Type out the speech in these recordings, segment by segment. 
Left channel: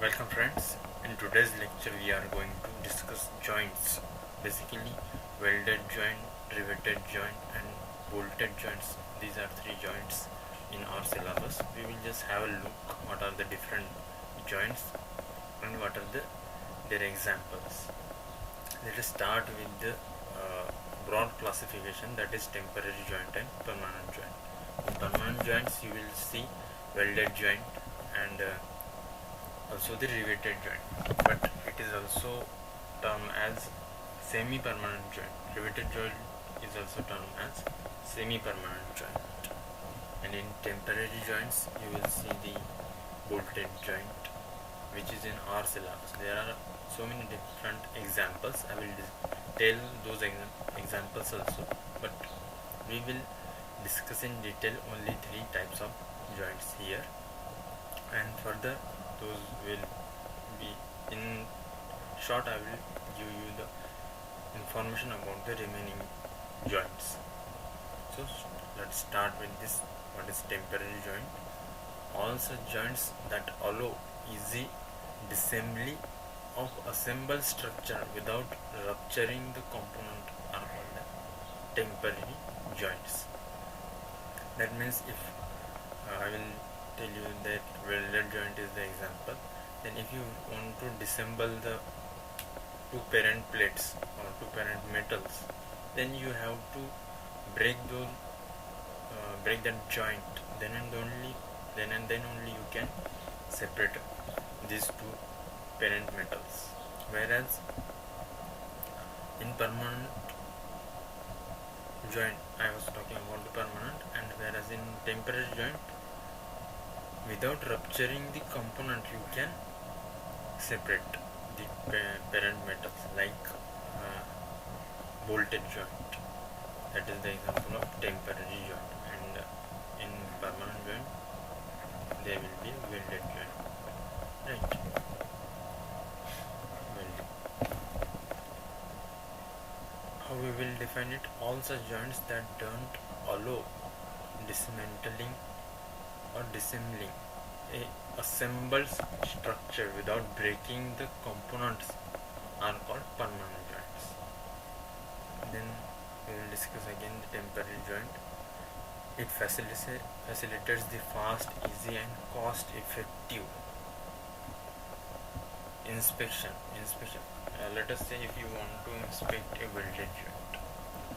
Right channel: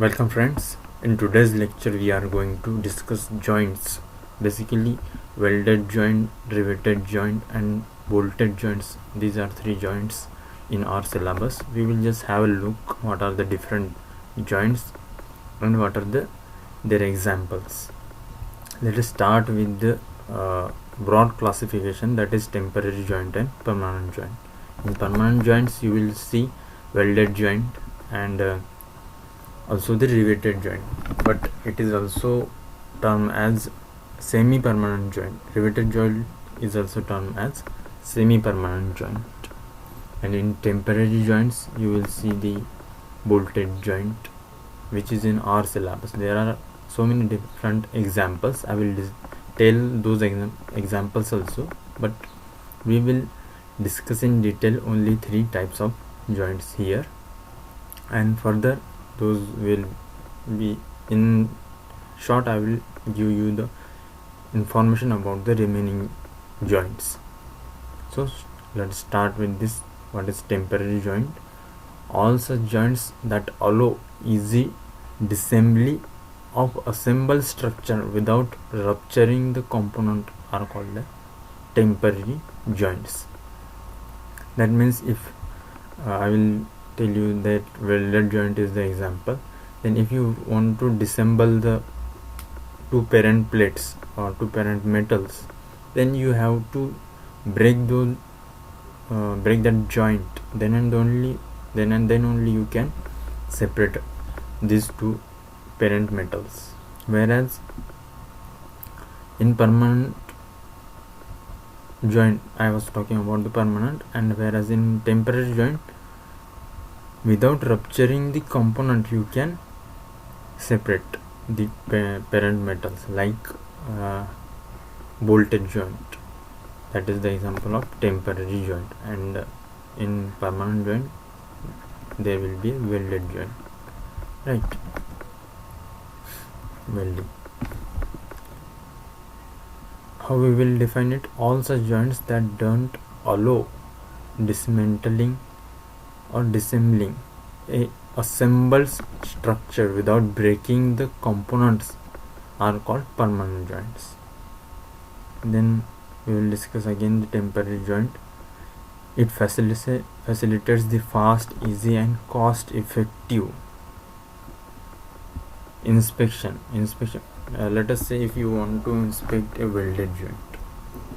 Welcome friends. In today's lecture we are going to discuss joints. Basically welded joint, riveted joint and bolted joints. These are three joints in our syllabus. We will just have a look what are the different joints and what are their examples. Let us start with the broad classification, that is temporary joint and permanent joint. In permanent joints you will see welded joint and also the riveted joint, but it is also termed as semi-permanent joint. Riveted joint is also termed as semi-permanent joint. And in temporary joints you will see the bolted joint, which is in our syllabus. There are so many different examples. I will tell those examples also, but we will discuss in detail only three types of joints here, and further those will be in short. I will give you the information about the remaining joints. So let's start with this. What is temporary joint? All such joints that allow easy disassembly of assembled structure without rupturing the component are called the temporary joints. That means if I will tell you that welded joint is the example, then if you want to disassemble the two parent plates or two parent metals, then you have to break that joint, then and then only you can separate these two parent metals. Whereas in permanent joint, I was talking about the permanent, and whereas in temporary joint, without rupturing the component you can separate the parent metals, like bolted joint. That is the example of temporary joint. And in permanent joint there will be a welded joint, right? Welding. How we will define it? All such joints that don't allow dismantling or disassembling a assembled structure without breaking the components are called permanent joints. Then we will discuss again the temporary joint. It facilitates the fast, easy and cost effective inspection. Let us say if you want to inspect a welded joint,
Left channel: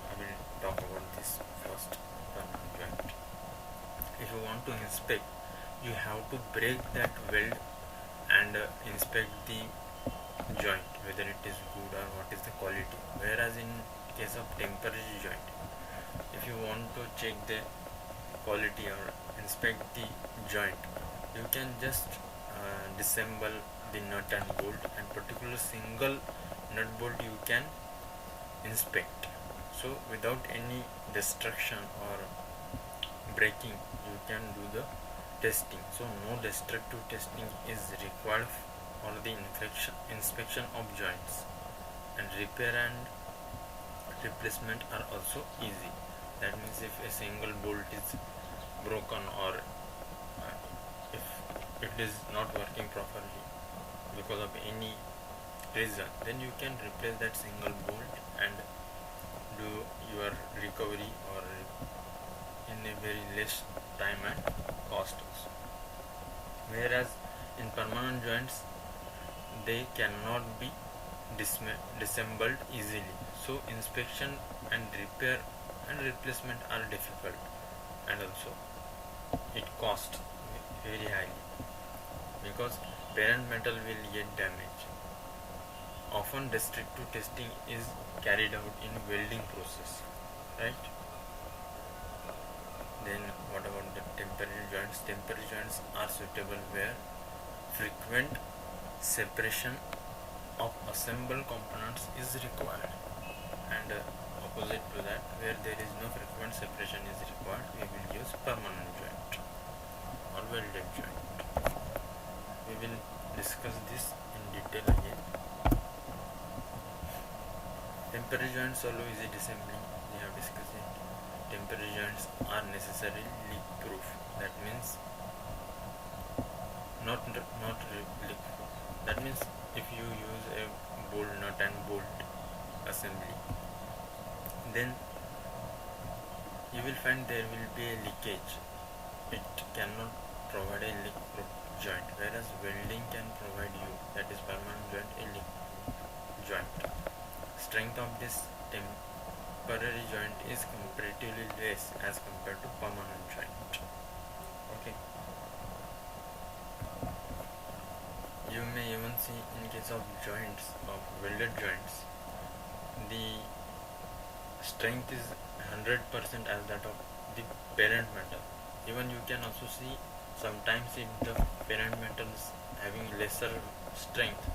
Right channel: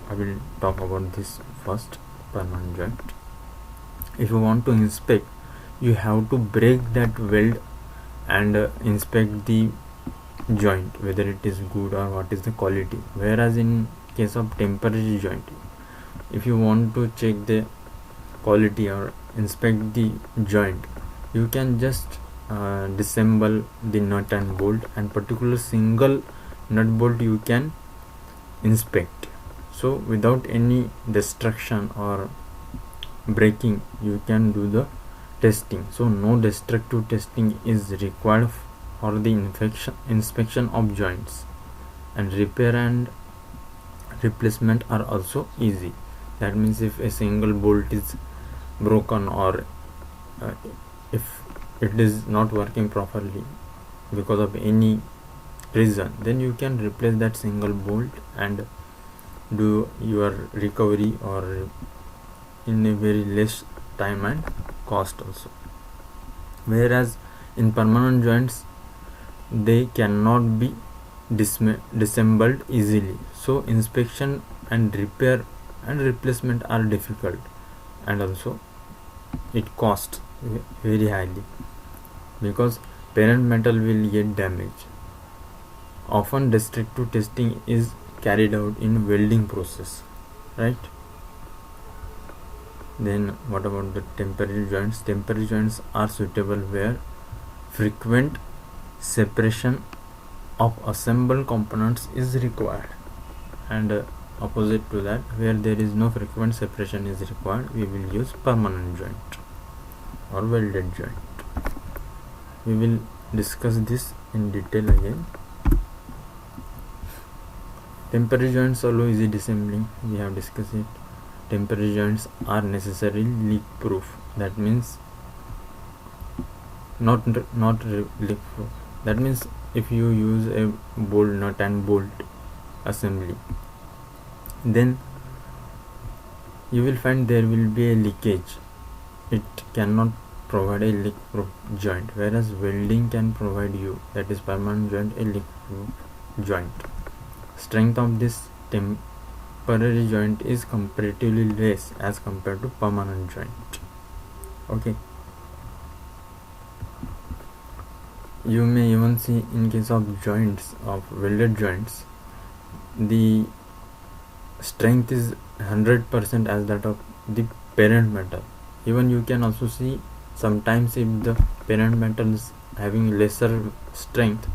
I will talk about this first, permanent joint. If you want to inspect, you have to break that weld and inspect the joint, whether it is good or what is the quality. Whereas in case of temporary joint, if you want to check the quality or inspect the joint, you can just disassemble the nut and bolt, and particular single nut bolt you can inspect. So without any destruction or breaking you can do the testing. So no destructive testing is required for the inspection of joints, and repair and replacement are also easy. That means if a single bolt is broken or if it is not working properly because of any reason, then you can replace that single bolt and do your recovery or in a very less time and cost also. Whereas in permanent joints they cannot be disassembled easily, so inspection and repair and replacement are difficult, and also it costs very highly because parent metal will get damaged. Often destructive testing is carried out in welding process, right? Then what about the temporary joints? Temporary joints are suitable where frequent separation of assembled components is required, and opposite to that, where there is no frequent separation is required, we will use permanent joint or welded joint. We will discuss this in detail again. Temporary joints allow easy disassembling. We have discussed it. Temporary joints are necessarily leak proof. That means leak proof. That means if you use a bolt nut and bolt assembly, then you will find there will be a leakage. It cannot provide a leak proof joint, whereas welding can provide you, that is permanent joint, a leak proof joint. Strength of this temporary joint is comparatively less as compared to permanent joint. Okay, you may even see in case of joints, of welded joints, the strength is 100% as that of the parent metal. Even you can also see sometimes if the parent metal is having lesser strength,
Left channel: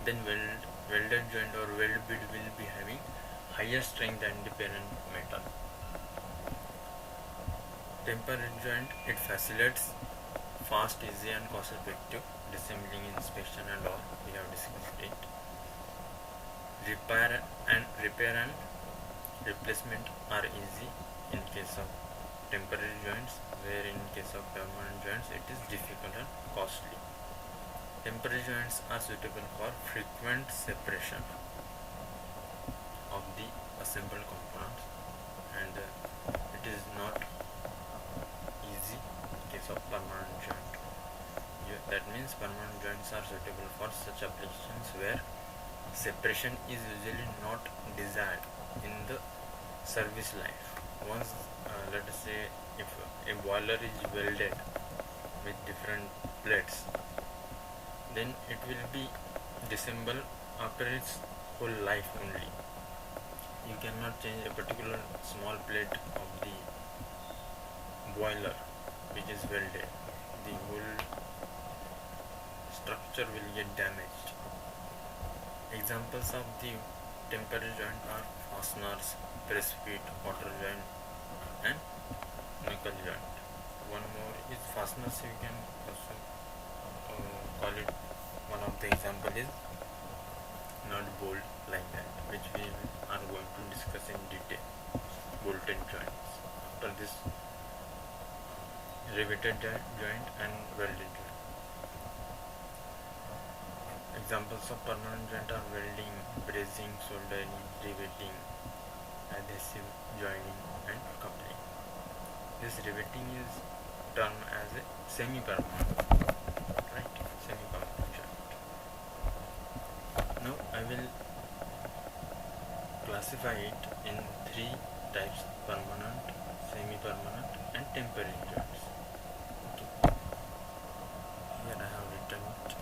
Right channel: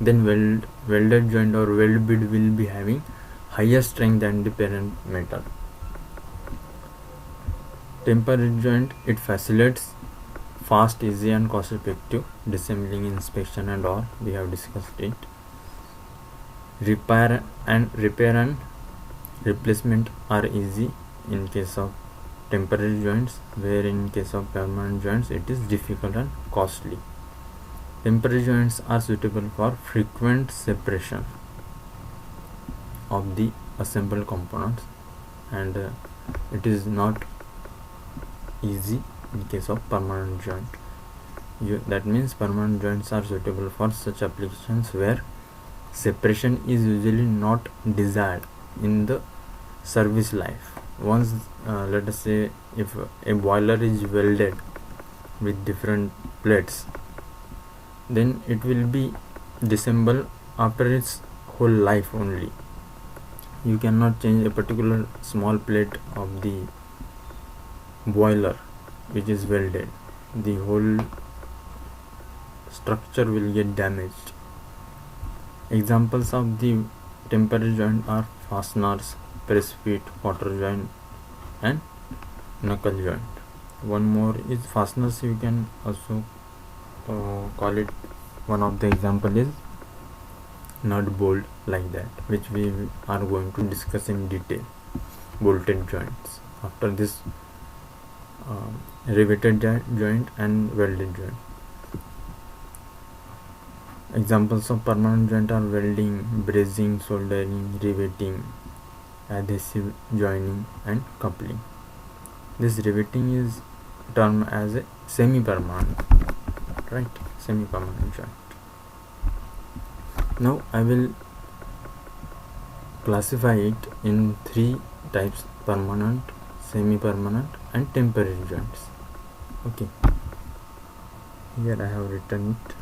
then welded joint or weld bead will be having higher strength than the parent metal. Temporary joint, it facilitates fast, easy and cost effective disassembling, inspection and all. We have discussed it. Repair and replacement are easy in case of temporary joints, where in case of permanent joints it is difficult and costly. Temporary joints are suitable for frequent separation of the assembled components, and it is not easy in case of permanent joint. That means permanent joints are suitable for such applications where separation is usually not desired in the service life. Once let us say if a boiler is welded with different plates, then it will be disassembled after its whole life only. You cannot change a particular small plate of the boiler which is welded. The whole structure will get damaged. Examples of the temporary joint are fasteners, press feet, quarter joint and knuckle joint. One more is fasteners. You can also call it, one of the example is nut bolt, like that, which we are going to discuss in detail. Bolted joints. After this, riveted joint and welded joint. Examples of permanent joint are welding, brazing, soldering, riveting, adhesive joining and coupling. This riveting is termed as a semi-permanent, right? Semi-permanent joint. Now I will classify it in three types: permanent, semi-permanent and temporary joints. Okay, here I have written it.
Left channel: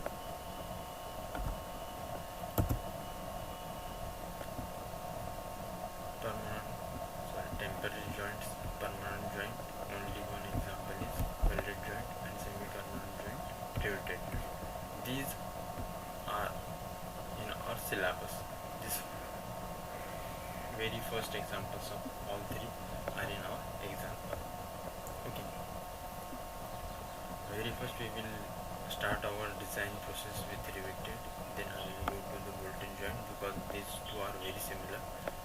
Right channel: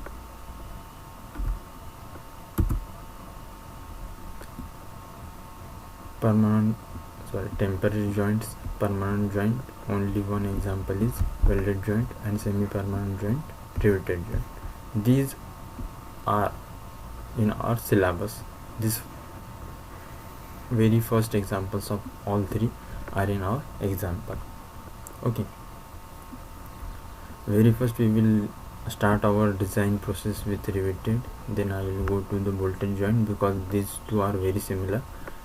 Temporary joints, permanent joint, only one example is welded joint, and semi-permanent joint, riveted joint. These are in our syllabus. This very first examples of all three are in our example. Okay, very first we will start our design process with riveted, then I will go to the bolted joint because these two are very similar,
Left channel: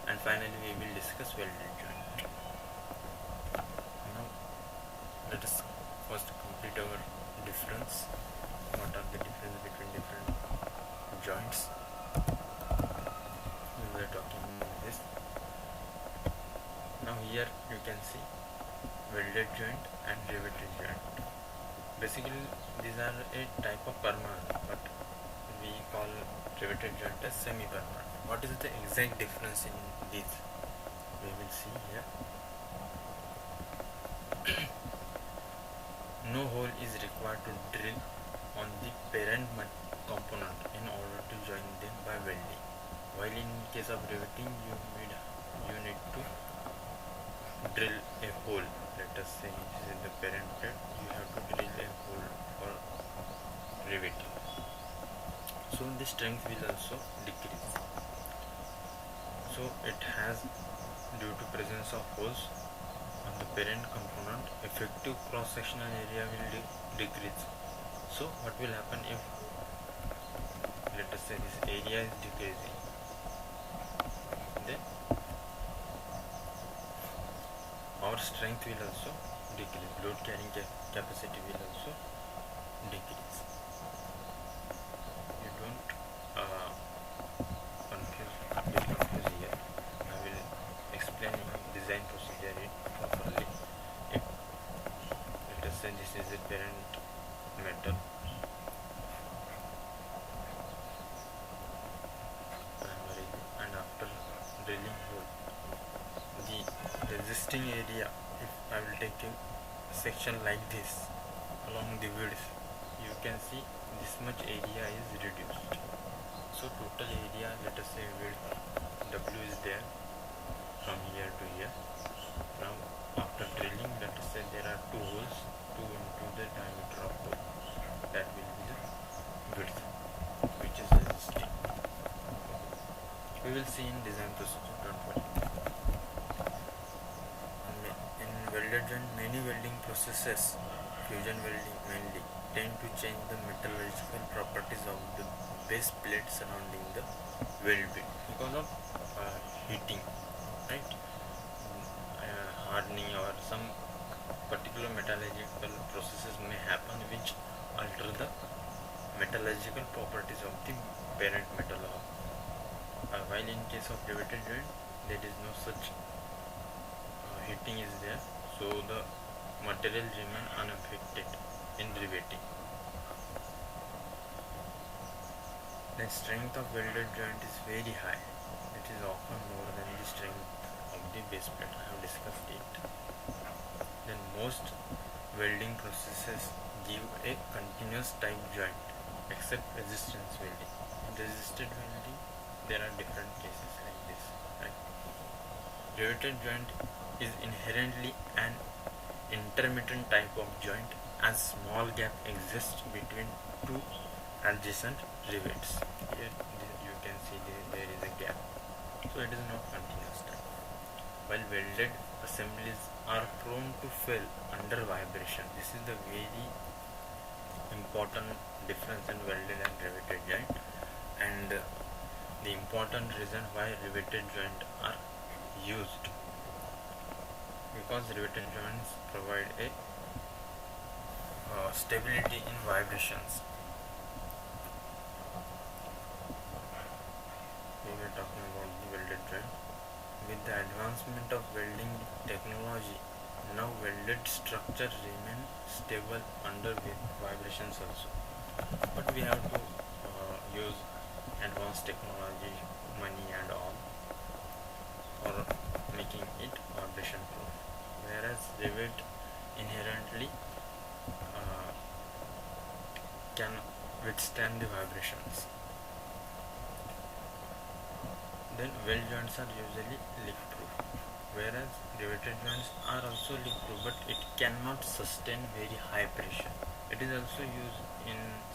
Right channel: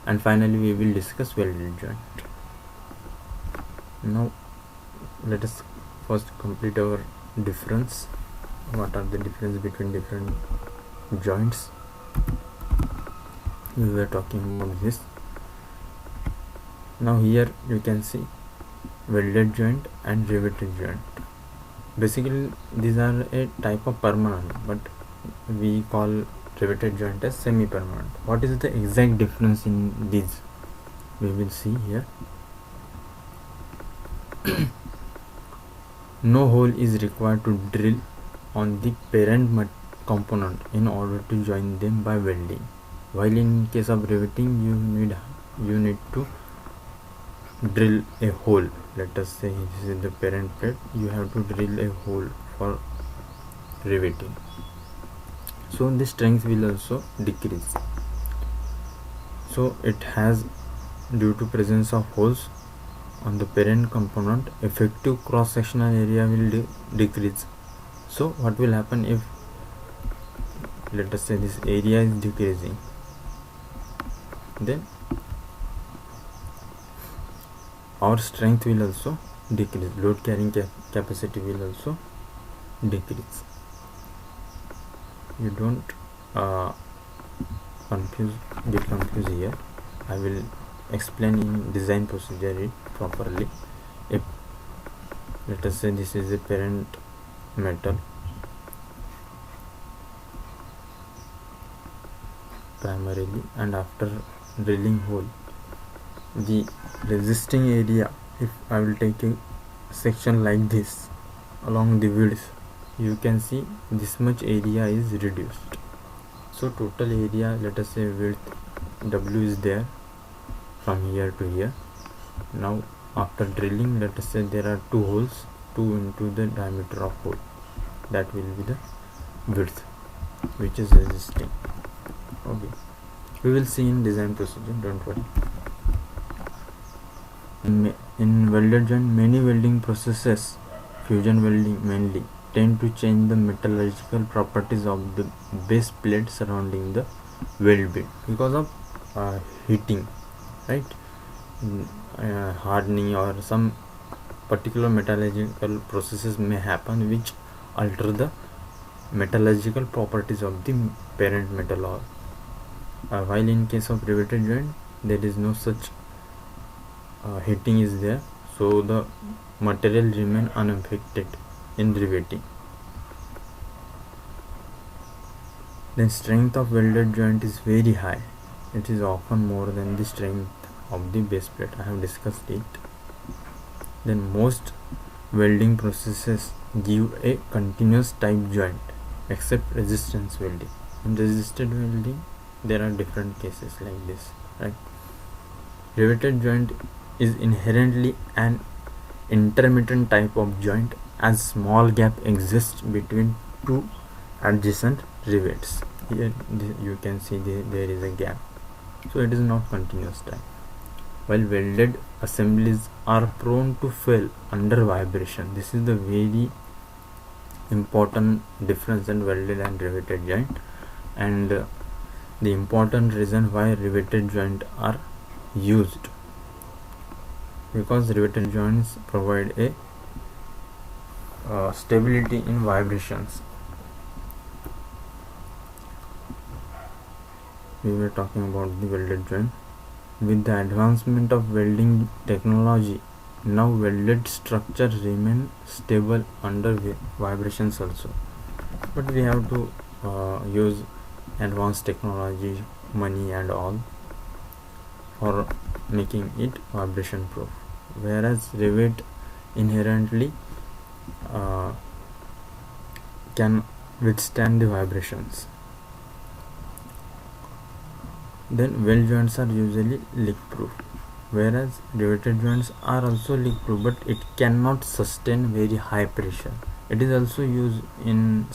and finally we will discuss welded joint. Now let us first complete our difference. What are the difference between different joints? We were talking about this. Now here you can see welded joint and riveted joint. Basically these are a type of permanent, but we call riveted joint as semi-permanent. What is the exact difference in these? We will see here. No hole is required to drill on the parent component in order to join them by welding. While in case of riveting, you need to drill a hole. Let us say this is the parent plate. You have to drill a hole for riveting. So the strength will also decrease. So it has, due to presence of holes on the parent component, effective cross-sectional area will decrease. So what will happen if, let us say, this area is decreasing, then our strength will also decrease, load carrying capacity will also decrease. you don't get confused here. I will explain in design procedure it properly. If let us say this is a parent metal primarily, and after drilling hole, the resisting area, if I will take a section like this along the width, you can see this much area is reduced. So total area, let us say width W is there from here to here. Now after drilling, let us say there are two holes, 2 into the diameter of hole, that will be the width which is resisting. Okay, we will see in design procedure, don't worry. In welded joint, many welding processes, fusion welding mainly, tend to change the metallurgical properties of the base plate surrounding the weld bit because of heating, right? Hardening or some particular metallurgical processes may happen which alter the metallurgical properties of the parent metal, or while in case of riveted joint there is no such heating is there, so the material remain unaffected in riveting. Then strength of welded joint is very high. It is often more than the strength of the base plate. I have discussed it. Then most welding processes give a continuous type joint except resistance welding. In resisted welding there are different cases like this, right? Riveted joint is inherently an intermittent type of joint, as small gap exists between two adjacent rivets. Here you can see there is a gap, so it is not continuous type. While welded assemblies are prone to fail under vibration. This is the very important difference in welded and riveted joint, and the important reason why riveted joint are used, because riveted joints provide a stability in vibrations. We were talking about the welded joint. With the advancement of welding technology, now welded structures remain stable under vibrations also, but we have to use advanced technology, money and all for making it vibration proof, whereas rivet inherently can withstand the vibrations. Then weld joints are usually leak proof, whereas riveted joints are also leak proof, but it cannot sustain very high pressure. It is also used in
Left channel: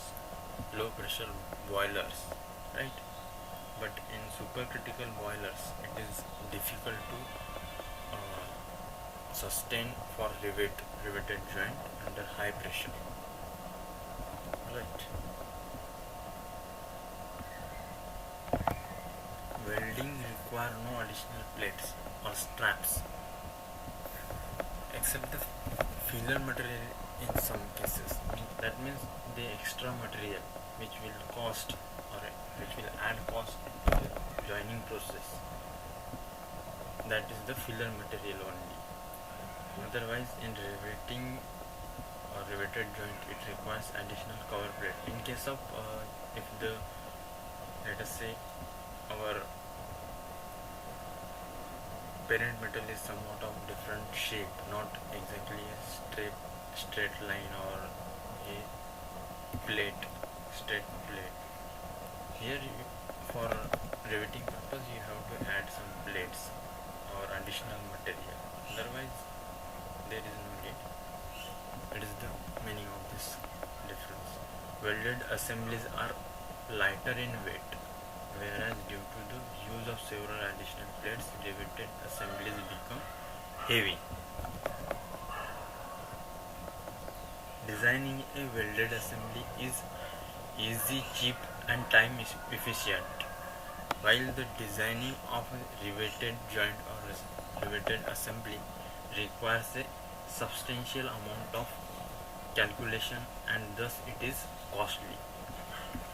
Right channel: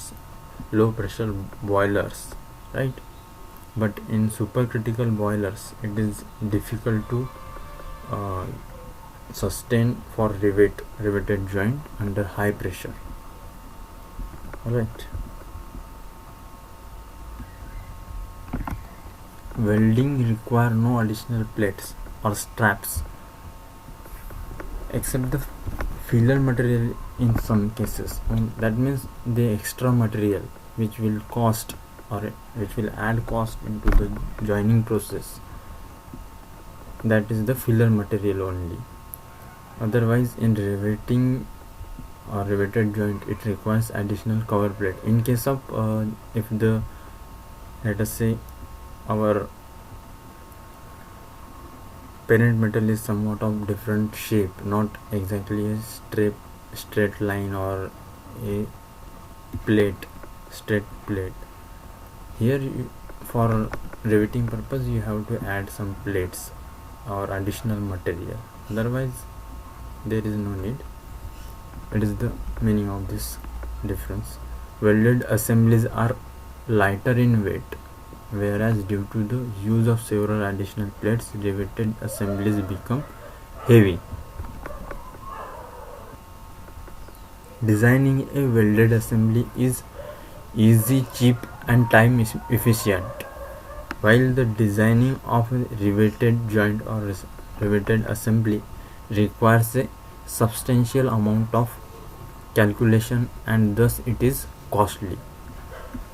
low pressure boilers, right? But in supercritical boilers it is difficult to sustain for riveted joint under high pressure. Alright. Welding require no additional plates or straps except the filler material in some cases, and that means the extra material which will cost or which will add cost into the joining process, that is the filler material only. Otherwise in riveting or riveted joint it requires additional cover plate. In case of if the, let us say, our parent metal is somewhat of different shape, not exactly a straight line or a straight plate. Here for riveting purpose you have to add some plates or additional material, otherwise there is no need. It is the meaning of this difference. Welded assemblies are lighter in weight, whereas due to the use of several additional plates, riveted assemblies become heavy. Designing a welded assembly is easy, cheap and time efficient, while the designing of a riveted joint or riveted assembly requires a substantial amount of calculation and thus it is costly.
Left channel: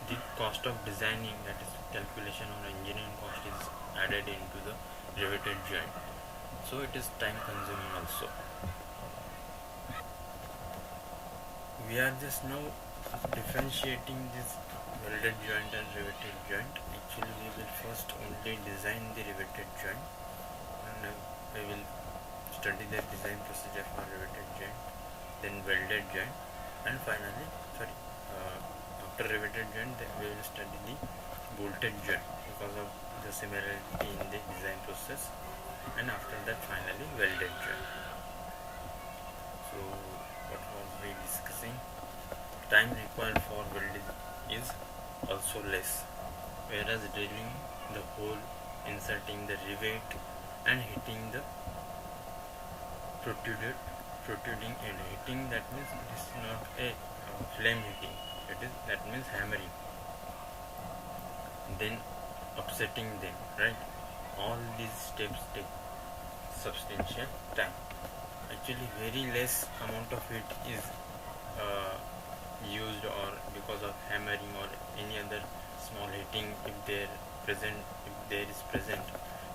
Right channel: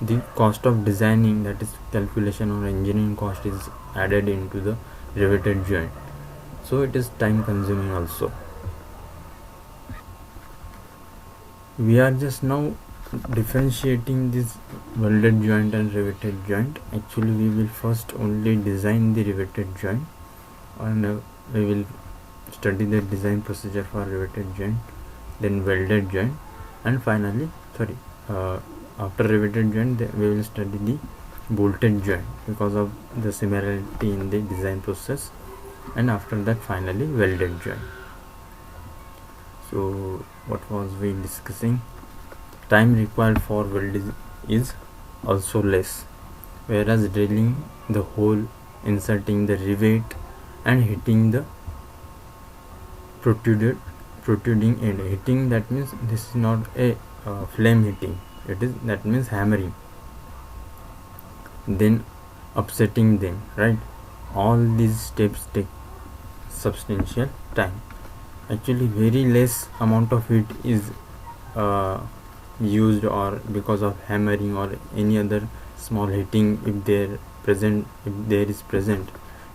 the cost of designing, that is calculation or engineering cost, is added into the riveted joint, so it is time consuming also. We are just now differentiating this welded joint and riveted joint. Actually we will first only design the riveted joint, and we will study the design procedure for riveted joint, then welded joint, and finally after riveted joint we will study the bolted joint because of the similarity in the design process, and after that finally welded joint. So what was we discussing? Time required for welding is also less, whereas drilling the hole, inserting the rivet, and hitting the protruding end. Hitting, that means this is not a flame hitting, that means hammering, then upsetting them, right? All these steps take substantial time. Actually very less amount of heat is used, or because of hammering or any other small heating, if there is present,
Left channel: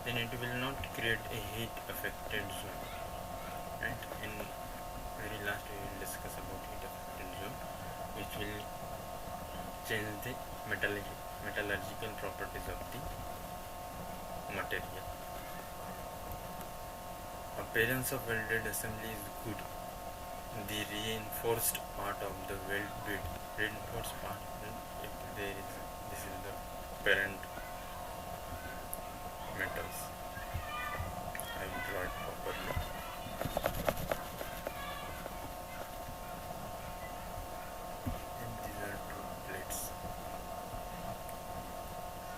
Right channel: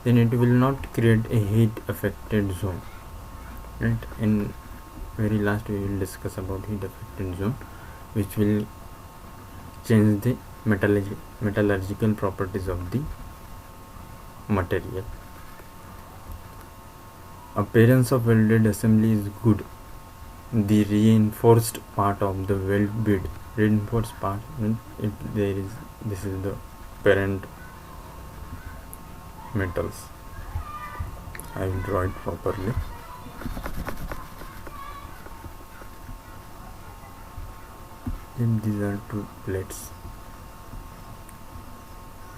then it will not create a heat affected zone, right? In very last we will discuss about heat affected zone, which will change the metallurgical properties of the material. Appearance of welded assembly is good. The reinforced part of the weld bead, reinforced part, this is the parent metals. I will draw it properly. Then these are two plates.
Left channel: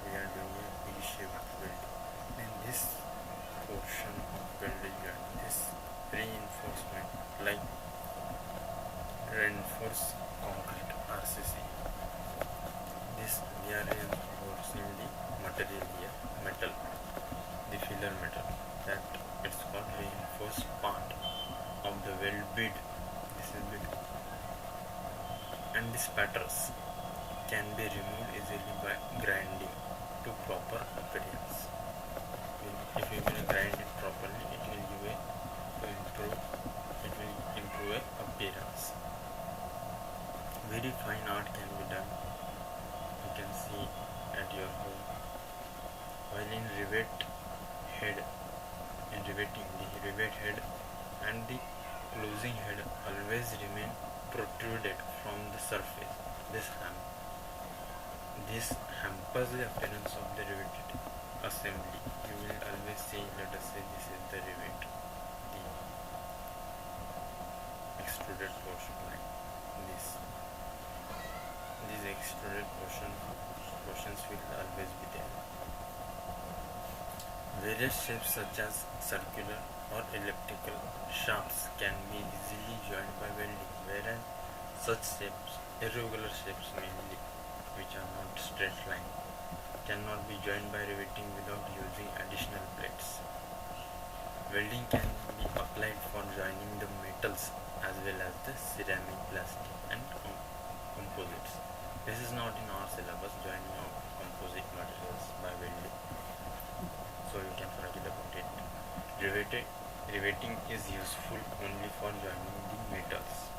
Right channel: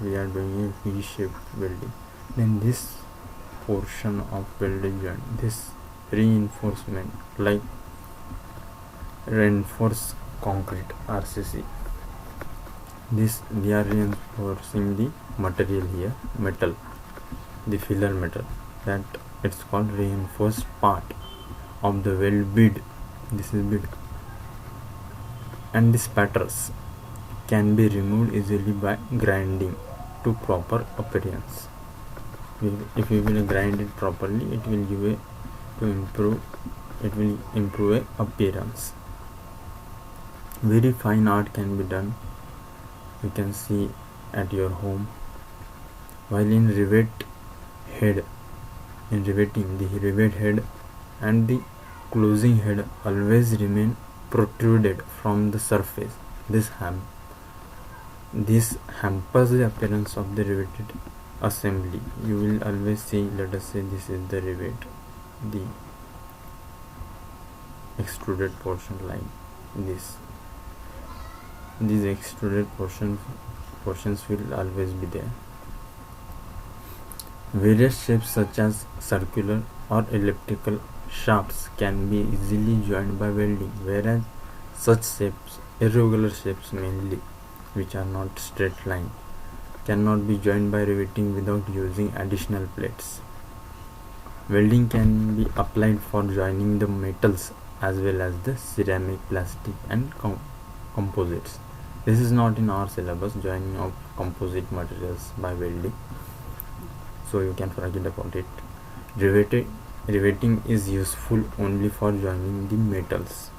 We are doing a V-shaped welding. Then this portion of welded joint, this reinforcement, like reinforced concrete RCC, this we are reinforcing the material here, metal, the filler metal, that it's called reinforced part of the weld bead. This is bead, and these patterns can be removed easily by grinding to proper appearance. If we will grind it properly, it will improve appearance. Very fine art can be done, you can see at your home. While in riveting, the rivet head and the closing head always remain protruded from the surface. This hampers the appearance of the riveted assembly. You will always see, let us say this is the rivet, the extruded portion like this. These extruded portions will always be there. Various shapes such as circular or elliptical shafts can be easily joined by welding, whereas such shapes, irregular shapes mainly, which are not straight line, cannot be joined by riveting without using additional plates. Welding can be applied for joining the metals as well as the ceramic, plastic and composites. This is not in our syllabus, joining of composite materials by welding, so you can forget about it. Riveting is useful only for joining the metals.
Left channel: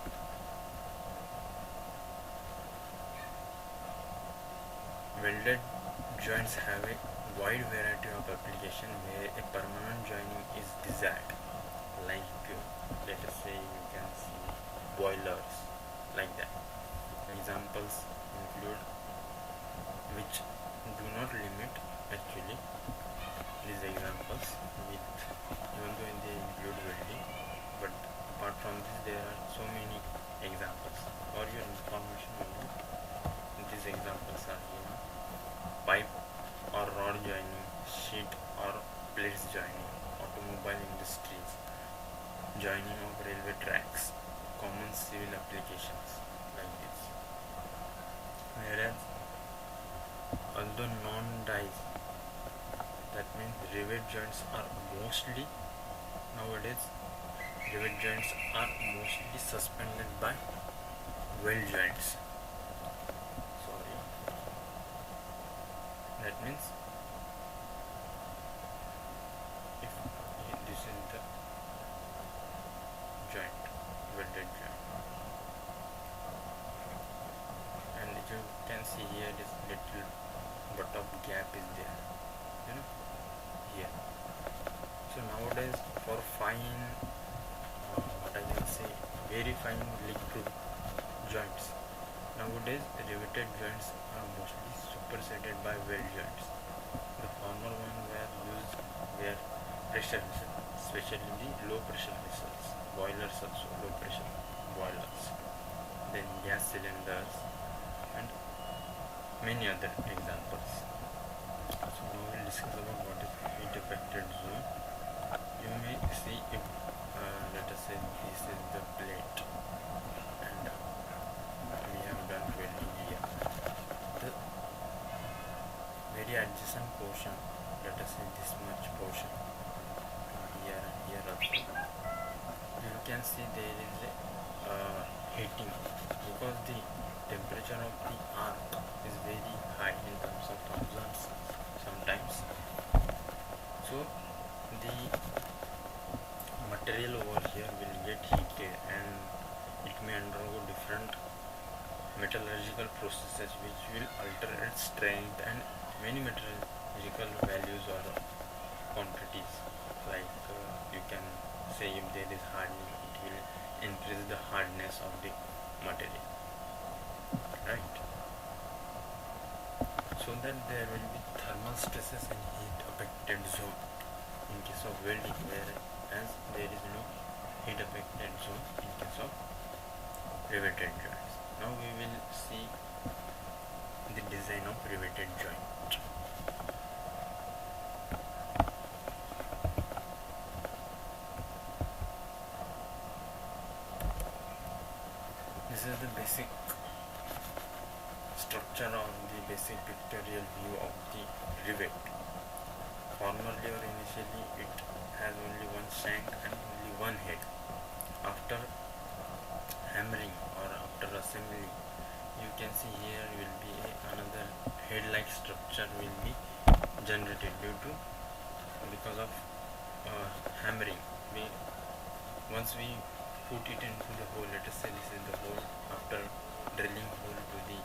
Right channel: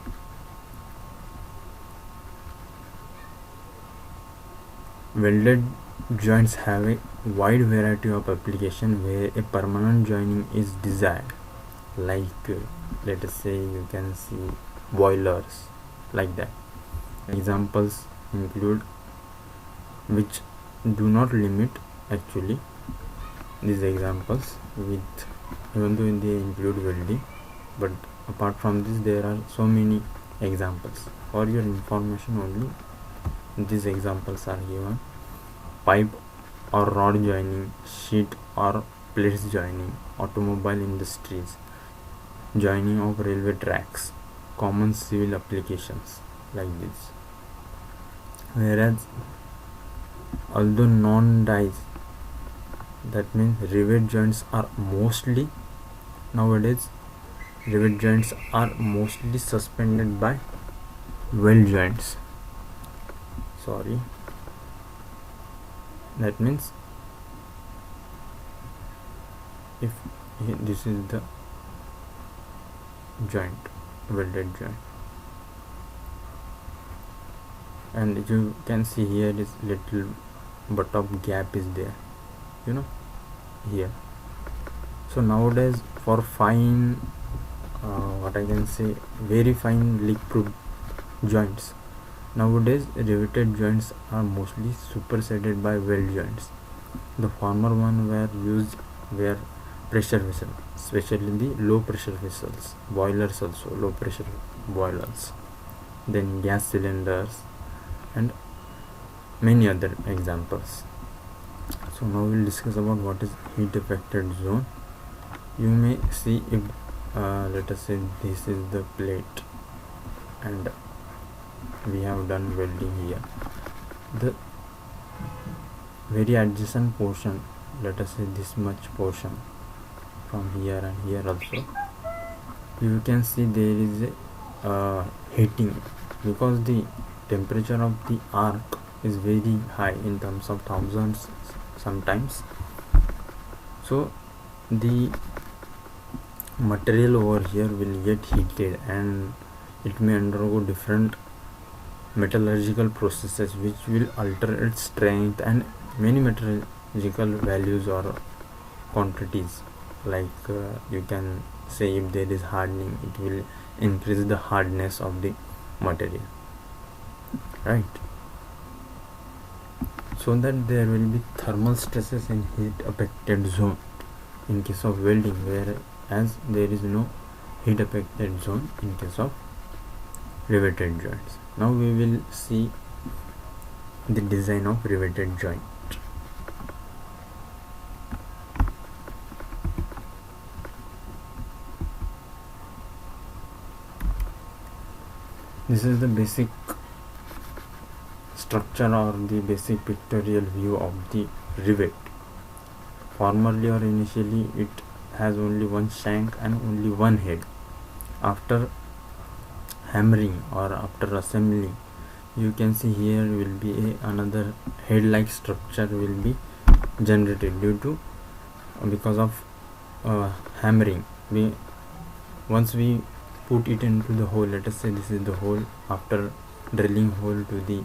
Welded joints have a wide variety of application where a permanent joining is desired, like let us say you can see boilers, like that. Examples include, which do not limit actually these examples, with even though they include welding, but apart from this there are so many examples. For your information only, these examples are given: pipe or rod joining, sheet or plates joining, automobile industries, joining of railway tracks, common civil applications, like this. Whereas although non-dies, that means rivet joints are mostly suspended by weld joints. That means if this is the joint, welded joint, and you can see here is little bottom gap is there, you know, here. So nowadays for fine what I can say, very fine leak proof joints, nowadays riveted joints are mostly superseded by weld joints. The former one were pressure vessels, especially the low pressure vessels, boilers also, low pressure boilers, then gas cylinders, and many other examples. So now we'll discuss about what is heat affected zone. You may see if let us say this is the plate and we have done welding here, the very adjacent portion, let us say this much portion from here and here also, you can see there is a heating, because the temperature of the arc is very high in terms of thousands sometimes. So the material over here will get heated and it may undergo different metallurgical processes which will alter its strength and many metallurgical values or quantities. Like you can say if there is hardening, it will increase the hardness of the material, right? So that there will be thermal stresses in heat affected zone in case of welding, whereas there is no heat affected zone in case of riveted joints. Now we will see the design of riveted joint. This is the basic structure or the basic pictorial view of the rivet. Formerly or initially it has only one shank and only one head. After hammering or after assembling, you can see here will be another head like structure will be generated because of hammering. Once we put it into the hole, let us say this is the hole, after drilling hole to the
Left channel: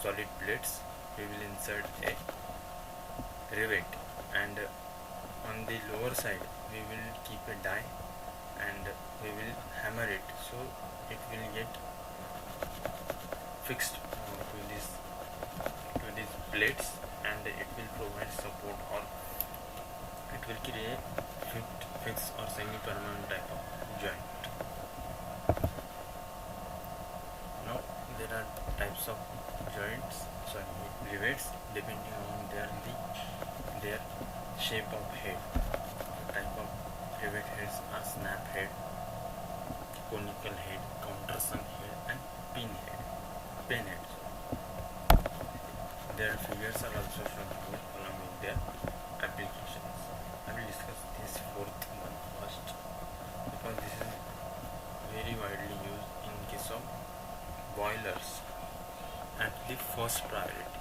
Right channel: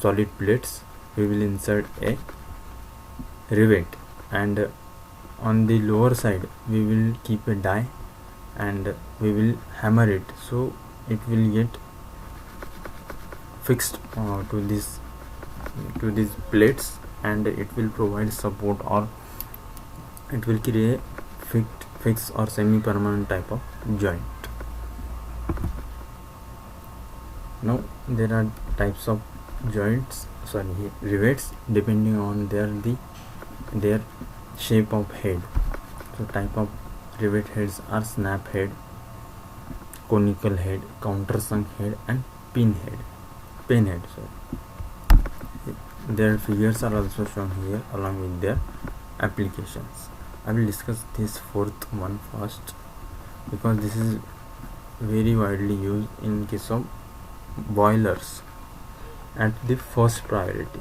solid plates, we will insert a rivet, and on the lower side we will keep a die and we will hammer it, so it will get fixed to these plates, and it will provide support, or it will create fixed or semi-permanent type of joint. Now there are types of rivets depending on their shape of head. So type of rivet heads are snap head, conical head, countersunk head, and pin head. So their figures are also shown here along with their applications. I will discuss this fourth one first, because this is very widely used in case of boilers at the first priority.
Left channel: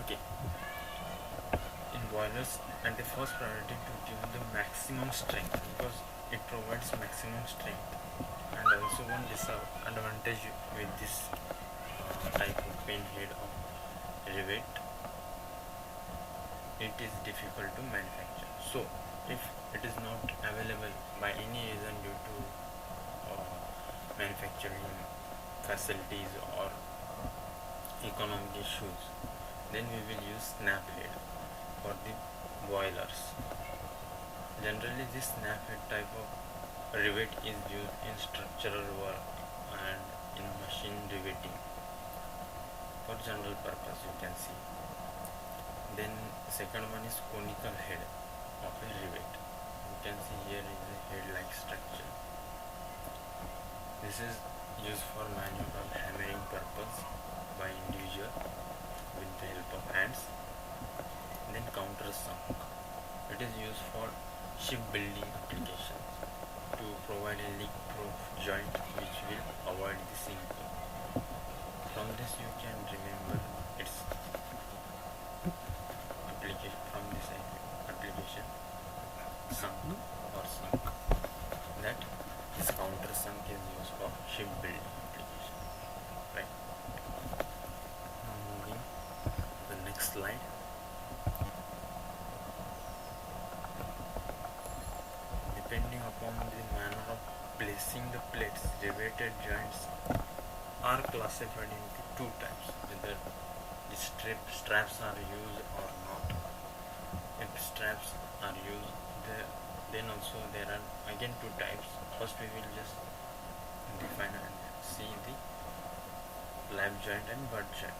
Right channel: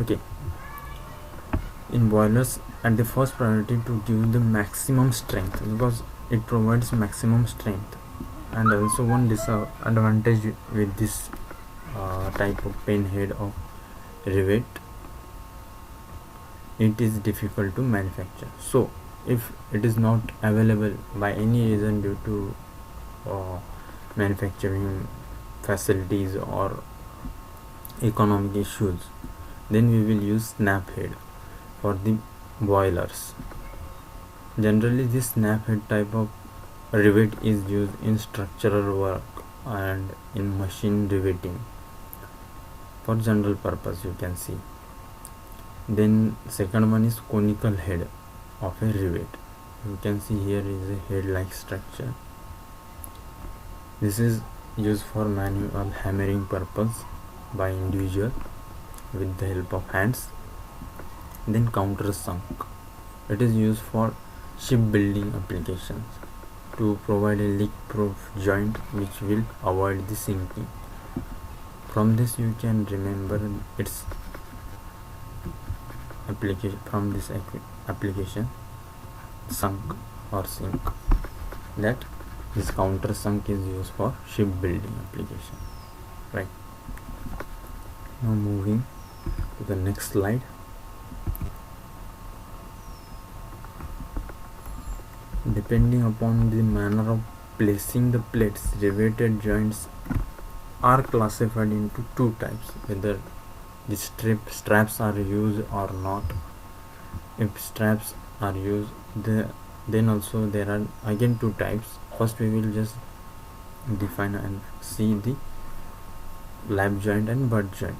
Okay, in boilers at the first priority to give the maximum strength, because it provides maximum strength. And also one disadvantage with this type of pin head of rivet, it is difficult to manufacture. So if it is not available by any reason due to manufacturing facilities or economic issues, then we will use snap head for the boilers. Generally this snap head type of rivet is used in structural work and in machine riveting for general purpose, you can see. Then second one is conical head of a rivet. You can see here is a head like structure. This is used for manual hammering purpose by individual with the help of hands. Then countersunk, it is used for shipbuilding applications to provide a leak proof joint which will avoid the sinking. From this you can remember its application sunk or sink, that this counter sunk is used for shipbuilding application, right? Now moving to the next slide. Depending upon the manner of placing the plates, riveted joints are classified into two types, whether the straps are used or not. If straps are used, then also there are again two types. First we will just define and see the lap joint and butt joint,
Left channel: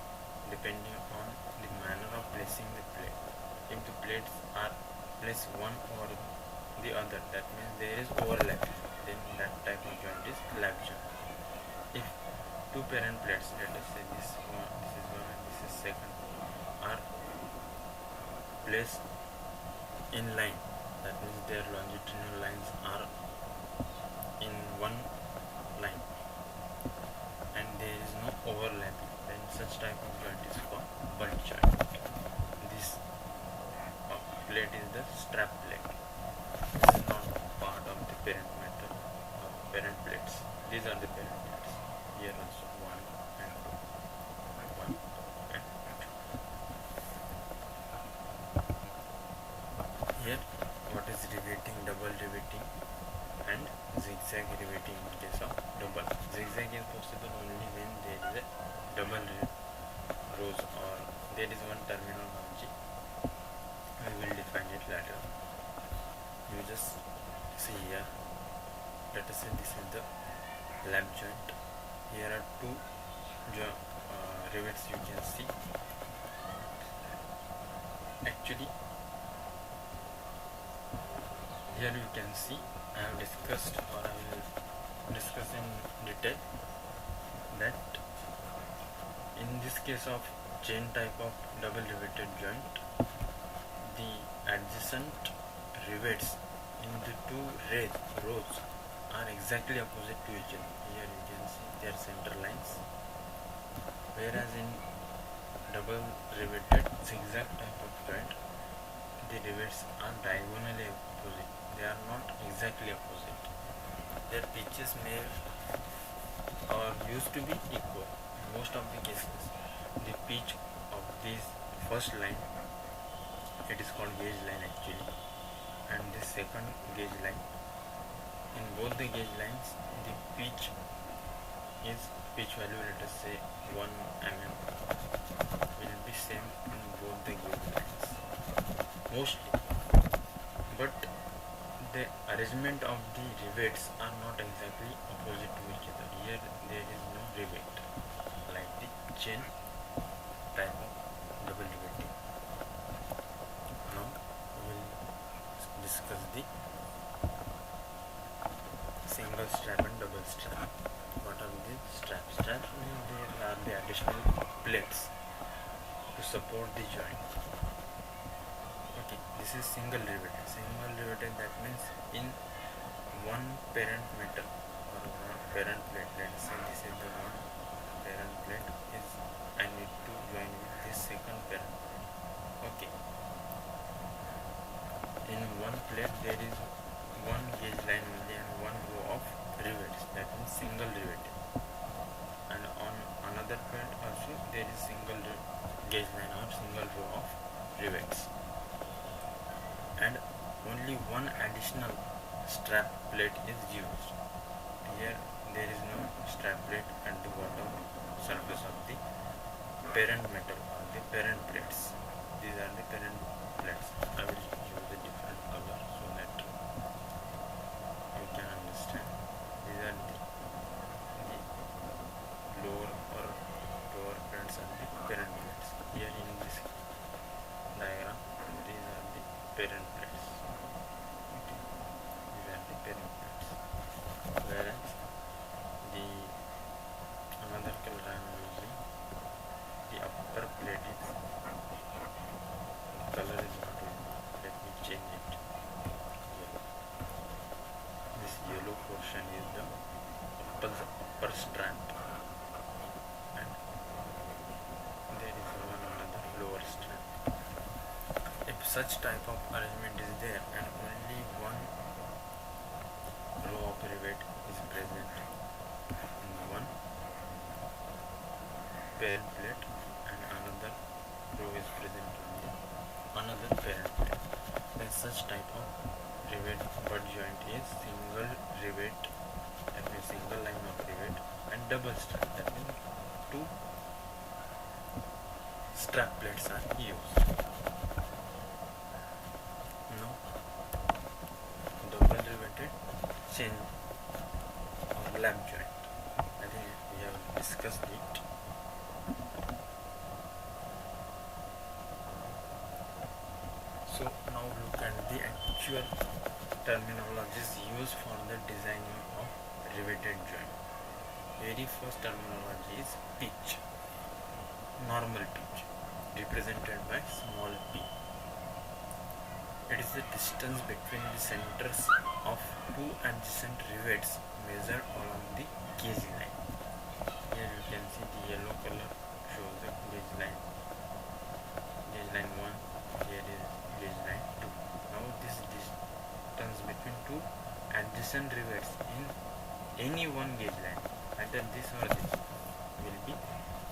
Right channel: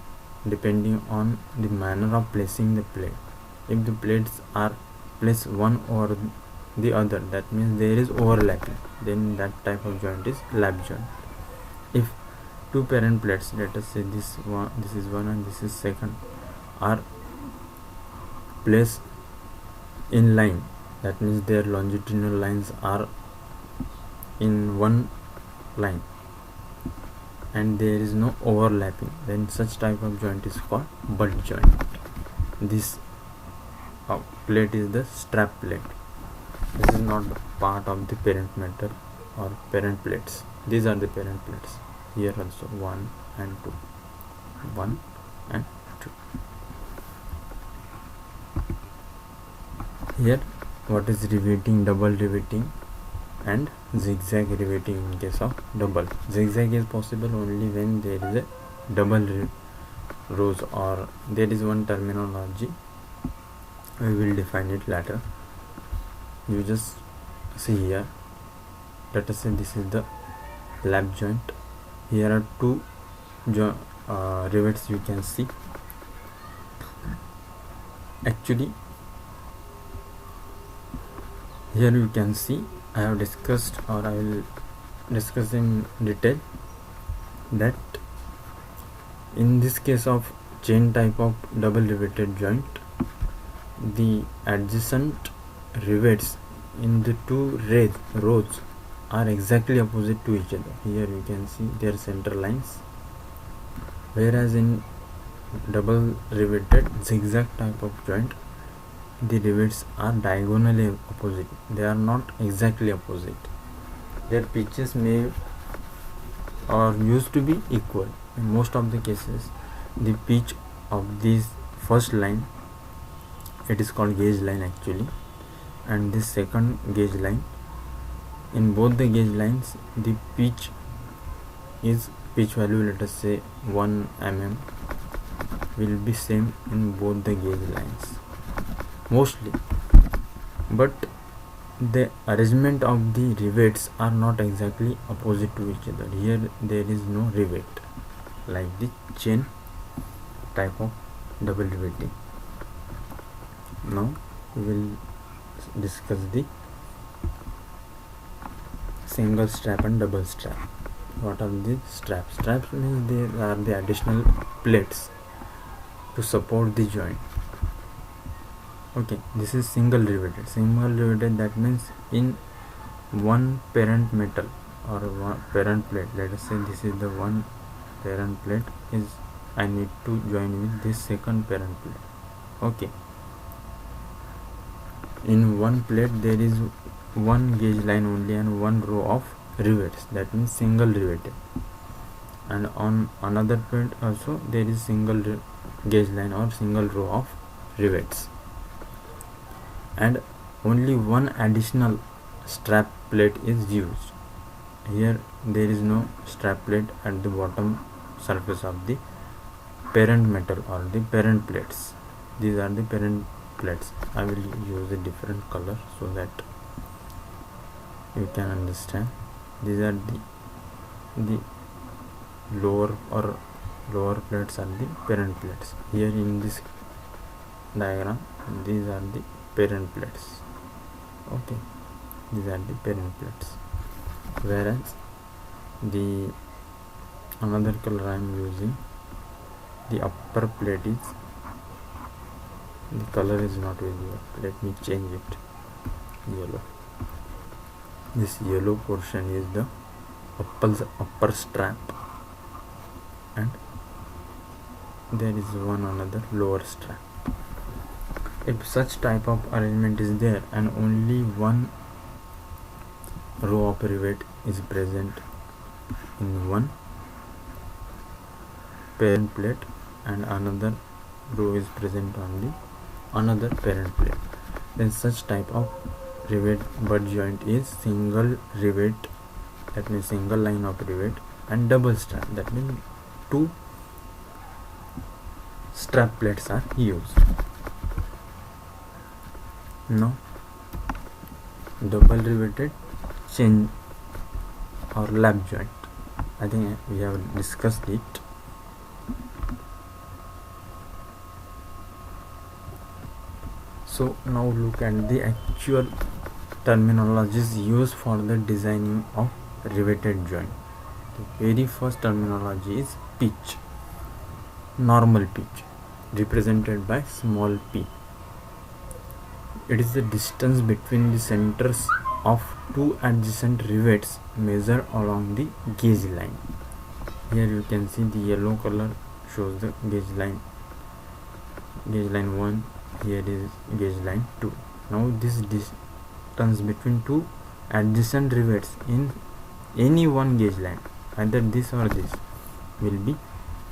depending on the manner of placing the plate. If the plates are placed one over the other, that means there is overlapping, then that type of joint is lap joint. If two parent plates, let us say this is one and this is second, are placed in line, that means their longitudinal lines are in one line and there is no overlapping, then such type of joint is called butt joint. This plate is the strap plate. This is not part of the parent metal or parent plates. These are the parent plates. Here also 1 and 2, 1 and 2. Here what is riveting, double riveting and zigzag riveting in case of double. Zigzag is possible only when there is a double rows, or there is one terminology, we will define it later. You just see here, let us say this is the lap joint. Here are two rivets you can see. Actually here you can see, I have discussed, or I will discuss in detail, that in this case of chain type of double riveted joint, the adjacent rivets in the two rows are exactly opposite to each other. Here you can see their center lines, whereas in double riveted zigzag type of joint, the rivets are diagonally opposite. They are not exactly opposite. Their pitches may or used to be equal. In most of the cases, the pitch of this first line, it is called gauge line actually, and this second gauge line, in both the gauge lines the pitch value, let us say 1 mm, will be same in both the gauge lines mostly, but the arrangement of the rivets are not exactly opposite to each other. Here there is no rivet like the chain type of double riveting. Now we will discuss the single strap and double strap. What are these straps? Straps means they are the additional plates to support the joint. Okay, this is single riveted. Single riveted, that means in one parent metal or one parent plate, let us say this is the one parent plate, is I need to join with this second parent plate. Okay, in one plate there is one gauge line only and one row of rivets, that means single riveted, and on another plate also there is single gauge line or single row of rivets, and only one additional strap plate is used. Here there is no strap plate at the bottom surface of the parent metal or the parent plates. These are the parent plates. I will use a different color so that you can understand. These are the lower plates are the parent plates. Here in this diagram, these are the parent plates. Okay, these are the parent plates, whereas the another color I am using, the upper plate is, the color is not visible. Let me change it, yellow. This yellow portion is the upper strap, and there is one another lower strap. If such type of arrangement is there and only one row of rivet is present in one parent plate and another row is present on the another parent plate, then such type of rivet butt joint is single rivet, that means single line of rivet, and double strap, that means two strap plates are used. Now double riveted chain or lap joint, I think we have discussed it. So now look at the actual terminologies used for the designing of riveted joint. The very first terminology is pitch. Normal pitch, represented by small p. It is the distance between the centers of two adjacent rivets measured along the gauge line. Here you can see the yellow color shows the gauge line 1, here is gauge line 2. Now this distance between two adjacent rivets in any one gauge line, either this or this, will be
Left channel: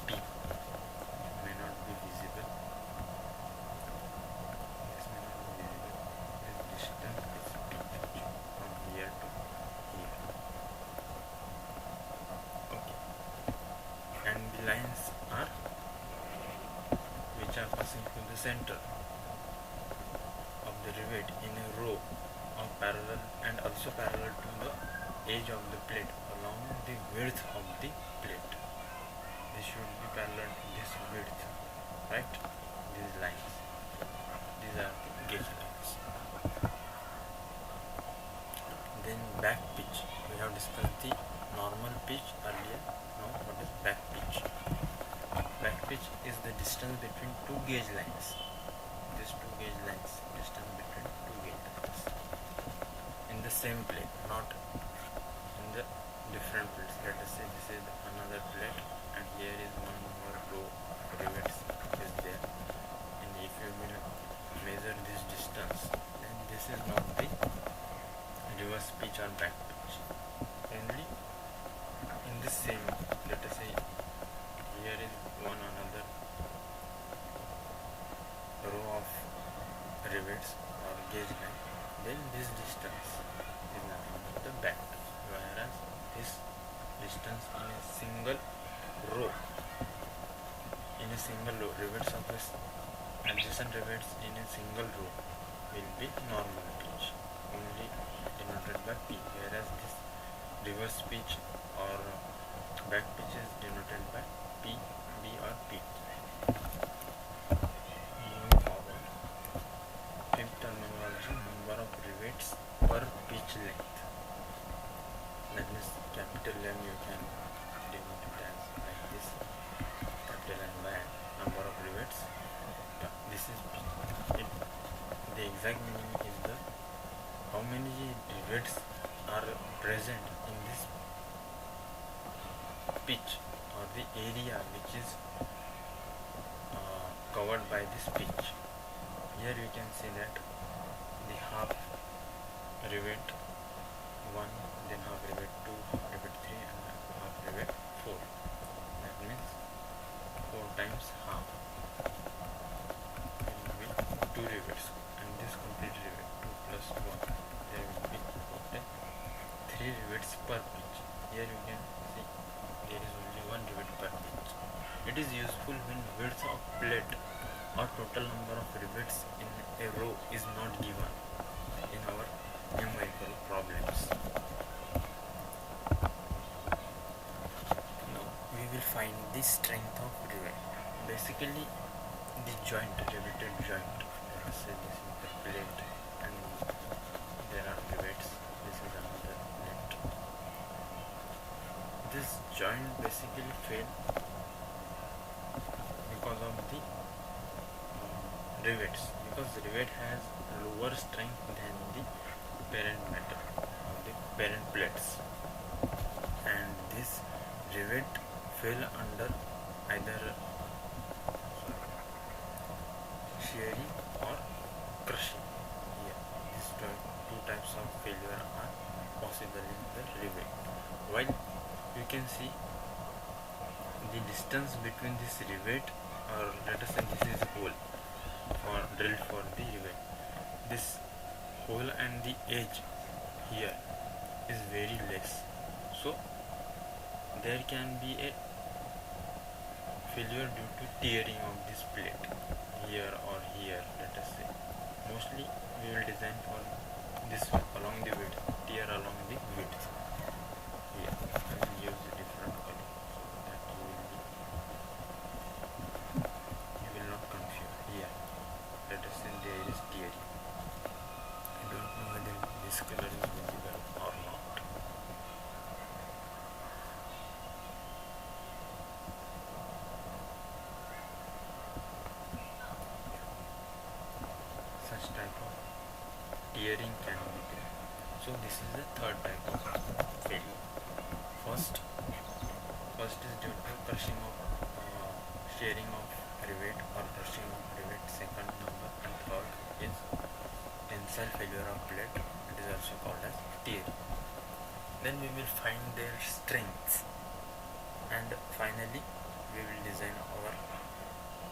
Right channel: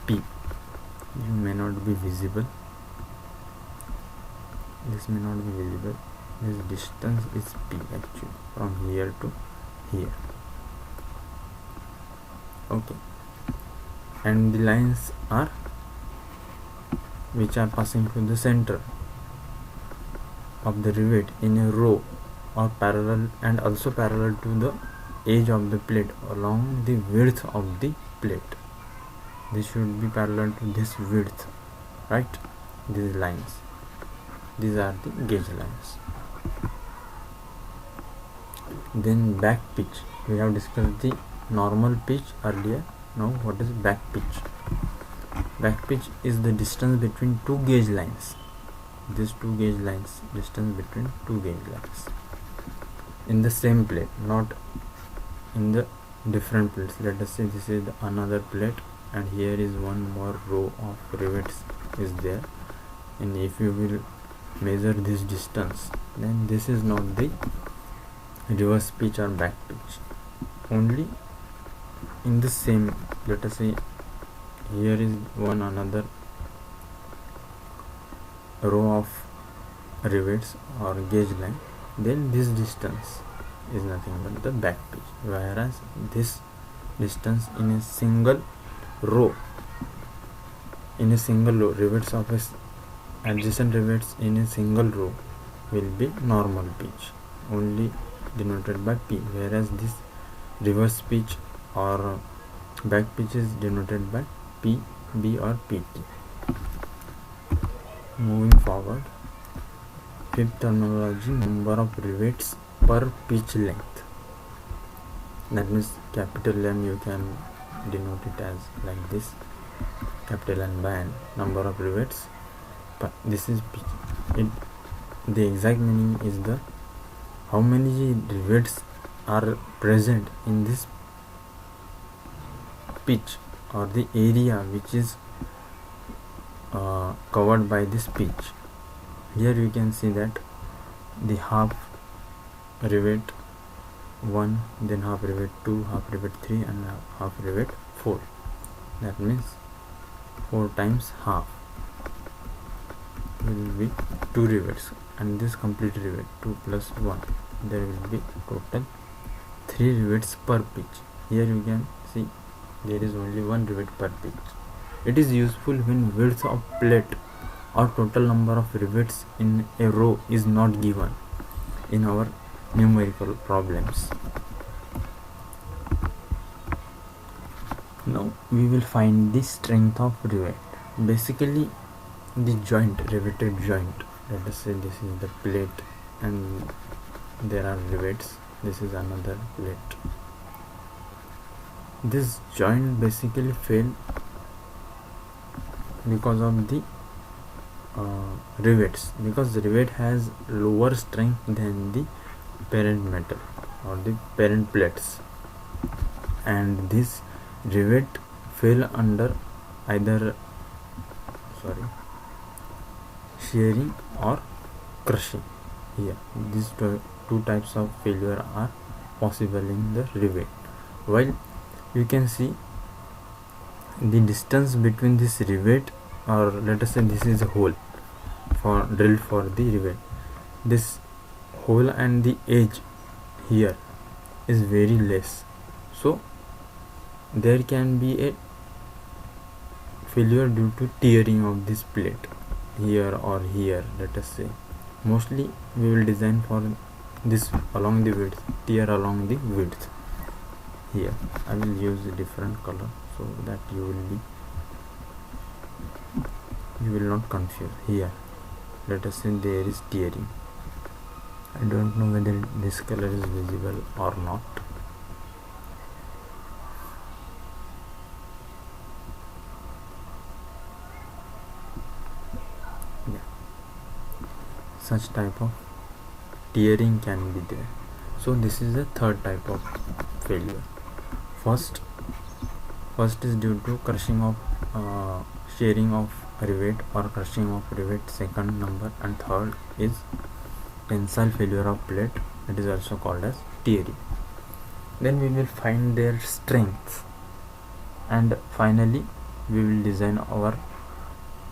P. You may not be visible, this may not be visible, this distance is P actually, from here to here. Okay, and the lines are which are passing through the center of the rivet in a row or parallel, and also parallel to the edge of the plate along the width of the plate. This should be parallel to this width, right? These lines, these are the gauge lines. Then back pitch, we have discussed the normal pitch earlier. Now what is back pitch? Back pitch is the distance between two gauge lines. These two gauge lines, distance between two gauge lines in the same plate, not in the different plates. Let us say this is another plate and here is one more row of rivets is there, and if you will measure this distance, then this is not the reverse pitch or back pitch. Only in the same, let us say here is one another row of rivets or gauge line, then this distance is nothing but the back pitch, whereas this distance in a single row, rivets of adjacent rivets in a single row will be normal pitch, only denoted by P, whereas this reverse pitch or back pitch is denoted by P, B or PT. Moving forward, fifth terminology, number of rivets per pitch length. That means capital M you can denote it as like this, capital N by N, number of rivets. But this is pitch. The exact meaning is the how many rivets are present in this pitch or the area which is covered by this pitch. Here you can see that the half rivet 1, then half rivet 2, half rivet 3 and half rivet 4. That means 4 times half will be 2 rivets, and this complete rivet 2 plus 1, there will be total 3 rivets per pitch. Here you can see there is only 1 rivet per pitch. It is useful when width of plate or total number of rivets in a row is not given in our numerical problems. Now we will find the strength of rivet. Basically the joint, riveted joint, let us say this is the plate and there are rivets, this is another plate. This joint basically failed because of the rivets, because the rivet has lower strength than the parent metal or the parent plates, and this rivet fell under either shearing or crushing. Here these two types of failure are possible in the rivet. While you can see the distance between this rivet, or let us say this is a hole for drilled for the rivet, this hole and the edge here is very less, so there can be a failure due to tearing of this plate here or here. Let us say mostly we will design for this along the width, tear along the width. Here I will use a different color so that you will not confuse. Here let us say there is tearing. I don't know whether this color is visible or not. Yeah. Such type of tearing can be there. So this is the third type of failure. First is due to crushing of shearing of rivet or crushing of rivet, second number, and third is tensile failure of plate. It is also called as tearing. Then we will find their strengths, and finally we will design our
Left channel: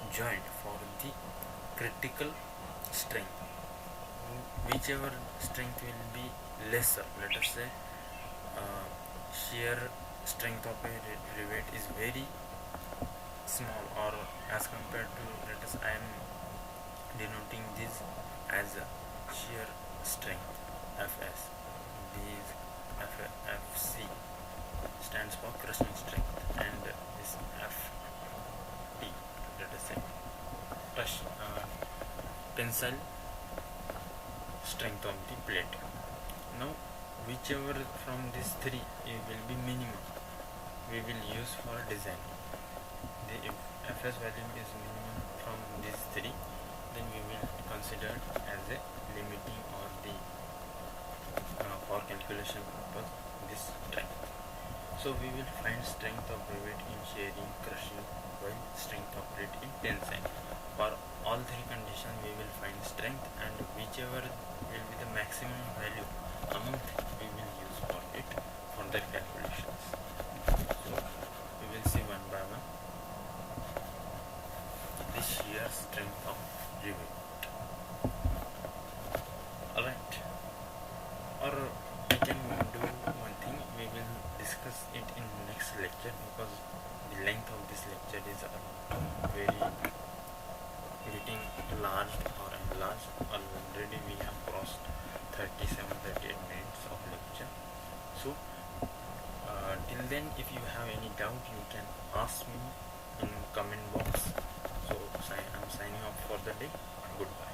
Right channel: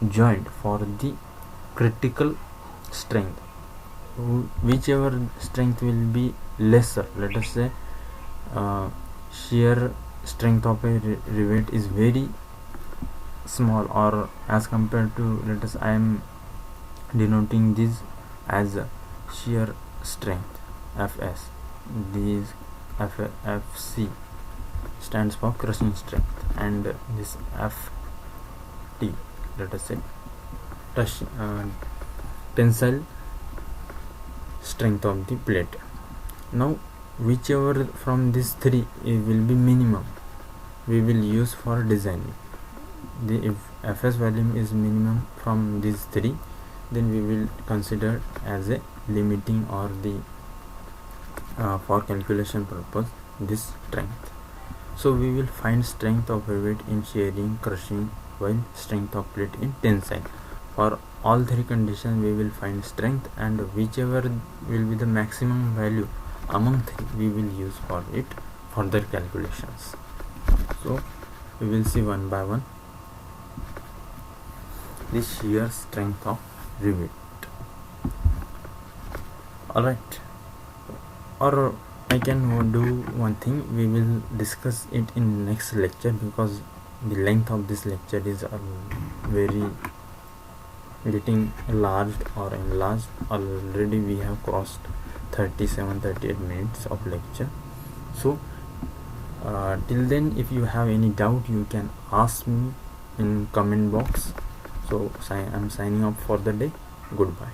joint for the critical strength. Whichever strength will be lesser, let us say shear strength of a rivet is very small, or as compared to, let us, I am denoting this as a shear strength Fs. These Fc stands for crushing strength, and this Ft, let us say tensile strength of the plate. Now whichever from these three will be minimum, we will use for designing. If Fs value is minimum from these three, then we will consider as a limiting, or the for calculation purpose, this strength. So we will find strength of rivet in shearing, crushing, while strength of plate in tensile. For all three conditions we will find strength, and whichever will be the maximum value among three, we will use for it further calculations. So we will see one by one the shear strength of rivet. Alright, or I can do one thing, we will discuss it in next lecture, because the length of this lecture is very getting large or enlarged. Already we have crossed 37-38 minutes of lecture. So till then, if you have any doubt, you can ask me in comment box. So I am signing off for the day. Goodbye.